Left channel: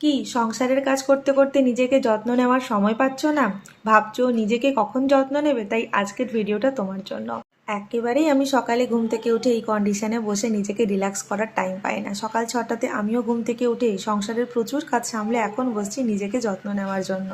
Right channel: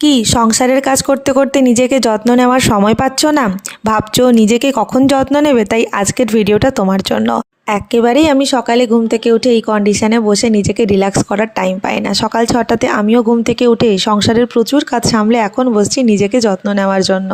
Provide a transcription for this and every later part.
কি সংসারের কাজ করতে করতে নিজেকে যত্ন নেওয়ার সময় পাচ্ছ না? ভাবছো নিজেকে কখন যত্ন নেবে? তাই আজকের ভিডিওটা তোমার জন্য। একেবারেই আমি সকালে ঘুম থেকে উঠে এই কন্ডিশনে বসে নিজেকে রিল্যাক্স করার টাইম পাই না। সকাল 6টাতে আমিও ঘুম থেকে উঠে সংসারের প্রচুর কাজ সামলে এখন বসছি নিজেকে যত্ন নেওয়ার জন্য।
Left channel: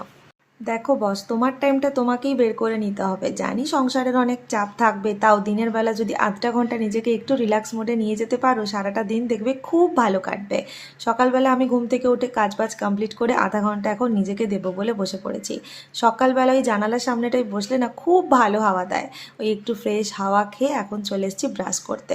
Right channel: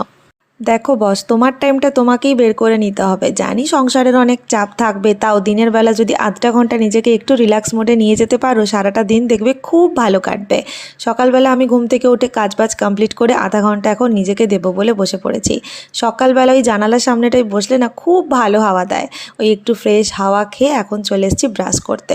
দেখো বস, তোমার টাইমটা তোমাকেই বের করে নিতে হবে। জানি সংসারের অনেক চাপ থাকবে, তাও দিনের বেলা যদি আধটা ঘন্টা নিজেকে একটু রিল্যাক্স মোডে নিয়ে যেতে পারো, সারাটা দিন দেখবে খুব ভালো কাটবে। সকালবেলা আমি ঘুম থেকে উঠে কাজবাজ কমপ্লিট করে আধা ঘন্টা এখন নিজেকে দেবো বলে বসে পড়েছি। সকালবেলা ওই জানালার সামনেটায় বসলে না খুব ভালো হাওয়া দেয়। ওই একটু ফ্রেশ হাওয়া খেয়ে এখন চলে এসেছি ব্রাশ করতে।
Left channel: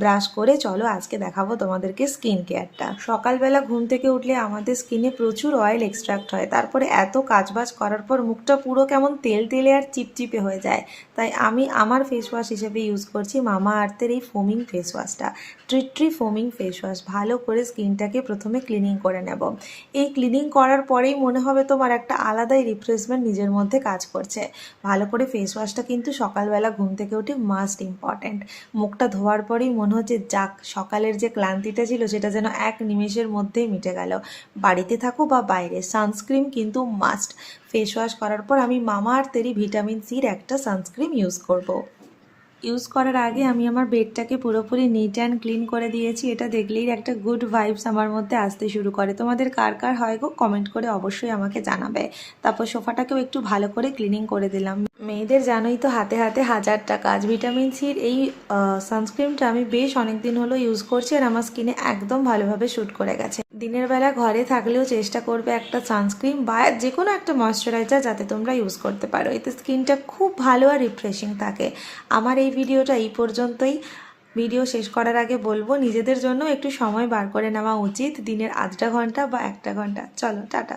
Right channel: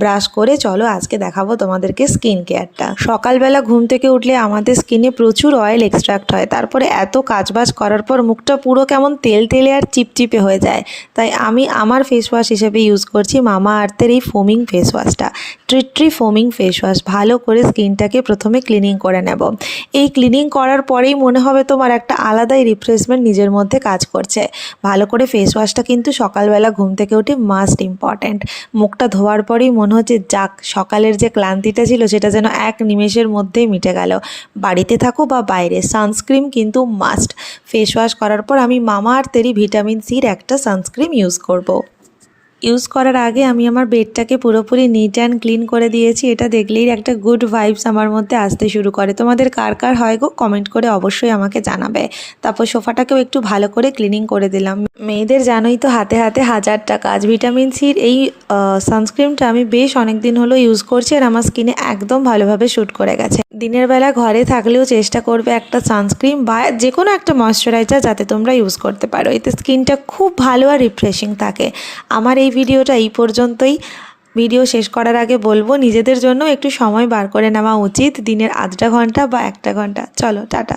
ব্রাশ করে চলো আজকে দেখাবো তোমাদেরকে স্কিন কেয়ারটা। সকালবেলা ঘুম থেকে উঠলে আমাদের স্কিনে প্রচুর অয়েল এক্সট্রাক্ট হয়, তারপরে এত কাজবাজ করার পর মুখটা পুরো কেমন তেল তেলে আর চিপচিপে হয়ে যায়। তাই আমি আমার ফেস ওয়াশ হিসেবে ইউজ করছি মামা আর্থের এই ফোমিং ফেস ওয়াশটা। Tree foaming face wash. ভালো করে স্কিনটাকে প্রথমে ক্লিনিং করে নেব। এই ক্লিনিং করার পরেই মনে হবে তোমার একটা আলাদাই রিফ্রেশমেন্ট নিজের মধ্যে কাজ করছে। ভালো করে ফেস ওয়াশটা কিন্তু সকালবেলা ঘুম থেকে উঠে মাস্ট ইম্পর্ট্যান্ট। মুখটা ধোয়ার পরেই মনে হচ্ছে যাক, সকালের যে ক্লান্তিটা ছিল সেটা যেন এক নিমেষের মধ্যেই মিটে গেল। বাড়িতে থাকো বা বাইরে, সানস্ক্রিন কিন্তু মাস্ট। ফেস ওয়াশ করার পর আমি মামা আর্থেরই ভিটামিন সির একটা সানস্ক্রিন ইউজ করব। ইউজ করার আগে আমি আমার বেডটাকে পুরোপুরি নিট অ্যান্ড ক্লিন করে দিয়েছি। এটা দেখলেই একটা গুড ভাইবস আমার মধ্যে আসতে শুরু করে। তোমাদের কার কার হয় গো, কমেন্ট করে অবশ্যই আমাকে জানাবে। তারপর সোফাটাকেও একটু ভালো করে ক্লিনিং করে দিলাম। মেয়েদের জানোই তো হাতে হাতে হাজারটা কাজ। ভিটামিন সির এই সানস্ক্রিনটা আমি বেশ অনেক দিন হলো ইউজ করছি আর আমার স্কিনে একদম ভালোভাবে শ্যুট করে গেছে। দিনের বেলা ঘরে থাকলেও চেষ্টা করবে একটা সানস্ক্রিন বা যে কোনো একটা ময়শ্চারাইজার যাতে তোমরা ইউজ করতে পারো, এতে স্কিনটা খুব ভালো আর রিফ্রেশিং থাকে। আমার এই ভিডিওটা এই পর্যন্তই। ভিডিও শেষ করার আগে বলবো নিজেদের জন্য একটু সময় বার করে নেওয়া উচিত, দিনের আধটা ঘন্টা বা একটা ঘন্টা। চলো টাটা।